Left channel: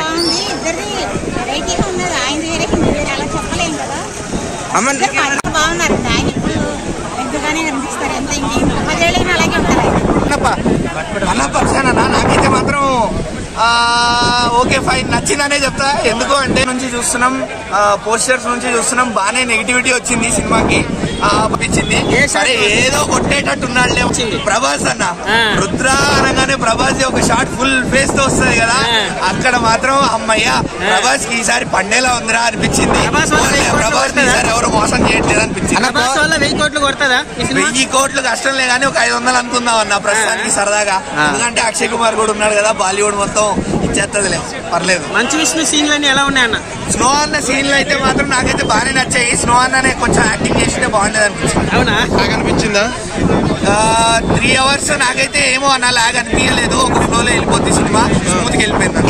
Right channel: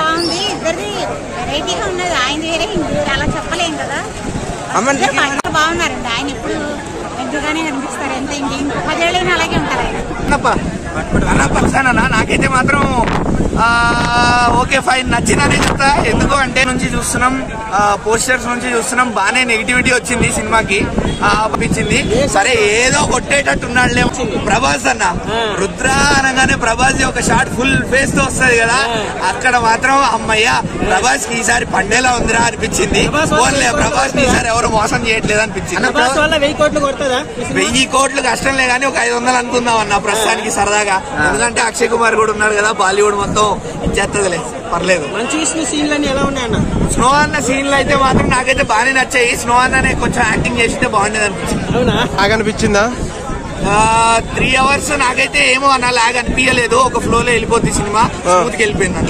బాగుంది, ఇద్దరిది వెరైటీగా ఉన్నది. ఆయన వేరే హిందీ వేరే అలా చెప్పలేం కదా. బాగున్నారండి. ఆయన ఎప్పుడు ఎంతగానే కనిపిస్తారు. ఎంత ఇంకో 10 ఏళ్ళైనా అలాగే ఉంటారు ఆయన. నాకైతే మాత్రం ఓకే ఫైన్ నచ్చిందనే చెప్తా. ఎందుకు అంటే నుంచి చూస్తున్నాం, పోస్టర్స్ నుంచి చూస్తున్నాం, బాగానే నెగిటివిటీ వచ్చింది సినిమాకి పంపించింది. సరే ఏదో కొట్టేటట్టు ఉన్నాడులే. ప్రభాస్ అన్న రుద్ర అనగానే ప్రభాస్ ఒక షార్ట్ ఫుల్ ఫేస్ తో వస్తుంది కదా, అక్కడ మాత్రం అమ్మయ్య ప్రభాస్ కి ఈసారి పండేలా ఉందిరా అనిపించింది. ప్రభాస్ ని ఈసారి ఎవరు మోసం చేయట్లేదు అనిపించింది. 1000 కోట్లు కష్టంలే కానీ ఒక 500 అనుకుందాం అన్న ప్రస్తుతానికి సరదాగా. ఎందుకంటే అక్షయ్ కుమార్ కూడా ఉన్నాడు కదా, బాలీవుడ్ మొత్తం ఇచ్చేస్తుందిలే, పర్లేదు. మంచి సీన్లు ఎలా ఉన్నాయన్న? స్నో అన్న సీన్లు అయితే మాత్రం నాకైతే బాగానే నచ్చాయి. స్నో అన్ననే కొంచెం యాక్టింగ్ చేసింటే బాగుండేది అనిపించింది. అవునా? బాగా అనిపించిందా? 3 hours నాకైతే ఏమో అన్న లాగ్ అనిపించలేదు. ఒక ఫ్లో లో వెళ్ళిపోతుంది సినిమా, స్మూత్ గా వెళ్ళిపోయింది.